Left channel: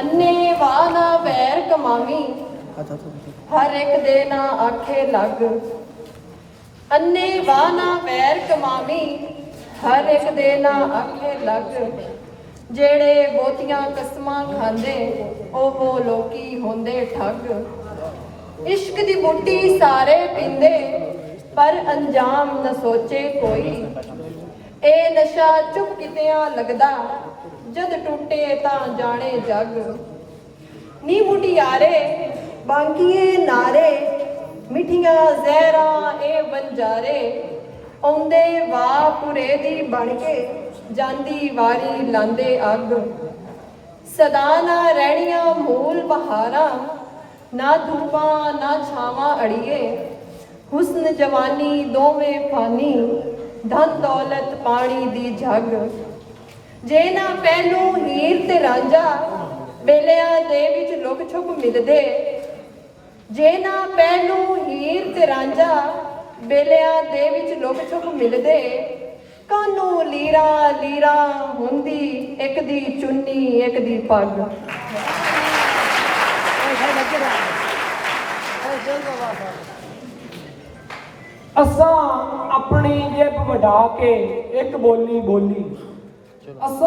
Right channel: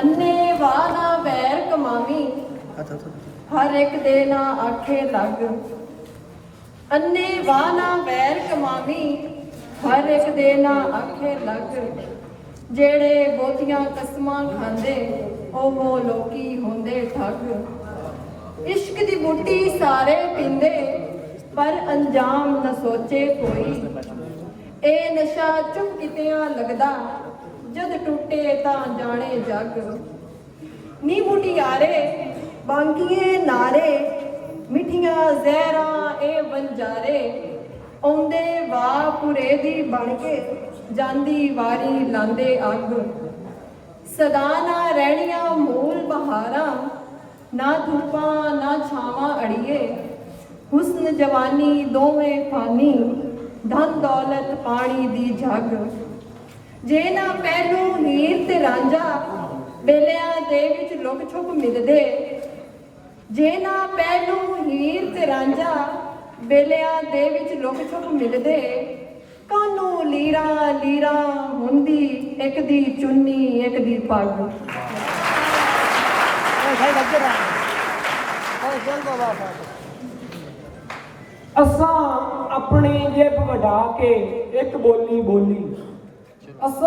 ਅੰਨੇ ਵਾਹ ਦਾ ਵੈਰ ਕਮਾਵੀ, ਹਰ ਇੱਕ ਦੇ ਨਾ ਆਖੇ ਲੱਗ। ਅੰਨੇ ਵਾਹ ਨਾ ਵੈਰ ਕਮਾਵੀ, ਹਰ ਇੱਕ ਦੇ ਨਾ ਆਖੇ ਲੱਗ। ਜਿਹੜੇ ਬਹੁਤੀਆਂ ਕਸਮਾਂ ਖਾਂਦੇ, ਉਹ ਲੋਕੀ ਹੁੰਦੇ ਠੱਗ। ਇਸ਼ਕ ਦੀ ਬੂਟੀ ਸਾਰੇ ਪੀਂਦੇ, ਪਰ ਅੰਜਾਮ ਨਾ ਸੋਚੇ ਕੋਈ। ਇਹ ਨਸ਼ਾ ਚੁੱਪ ਕਿਤਿਆਂ ਲੱਗਦਾ, ਜਦ ਟੁੱਟੇ ਤਾਂ ਜਾਣੇ ਜੱਗ। ਨੀ ਮੁਟਿਆਰੇ ਬਾਂਗੀਏ ਨਾਰੇ, ਮਿੱਠੀਆਂ ਜ਼ਹਿਰਾਂ ਇਹ ਵੰਜਾਰੇ। ਆਉਂਦੇ ਵਾਹ ਪੁਰੇ ਦੀ ਬਣ ਕੇ, ਜਾਂਦੀ ਵਾਰੀ ਲਾਂਦੇ ਅੱਗ। ਸਦਾ ਨਾ ਰਹਿਣੀਆਂ ਮੂਲ ਬਹਾਰਾਂ, ਨਾ ਧੁੱਪਾਂ ਨਾ ਛਾਵਾਂ ਅੜੀਏ। ਹੁਸਨ ਜਵਾਨੀ ਦੋਵੇਂ ਫਾਨੀ, ਧਨ ਦੌਲਤ ਪਾਣੀ ਦੀ ਝੱਗ। ਜੇ ਨਾ ਪਹਿਲੂ ਹੀਰ ਤੇ ਰਾਂਝਾ, ਬੇਲਿਆਂ ਦੇ ਵਿੱਚ ਲੁਕ ਛੁਪ ਮਿਲਦੇ। ਜੇ ਨਾ ਪਹਿਲੂ ਹੀਰ ਤੇ ਰਾਂਝਾ, ਬੇਲਿਆਂ ਦੇ ਵਿੱਚ ਲੁਕ ਛੁਪ ਮਿਲਦੇ। ਕਾਨੂੰ ਲੀਰਾ ਲੀਰਾ ਹੁੰਦੀ, ਇੱਕ ਦੀ ਚੁੰਨੀ ਇੱਕ ਦੀ ਪੱਗ। ਅਸਾਂ ਆਪਣੀ ਜੇਬ ਵਡਾ ਕੇ ਇੱਕ ਬੋਲੀ ਬੋਲੀ। ਅਸਾਂ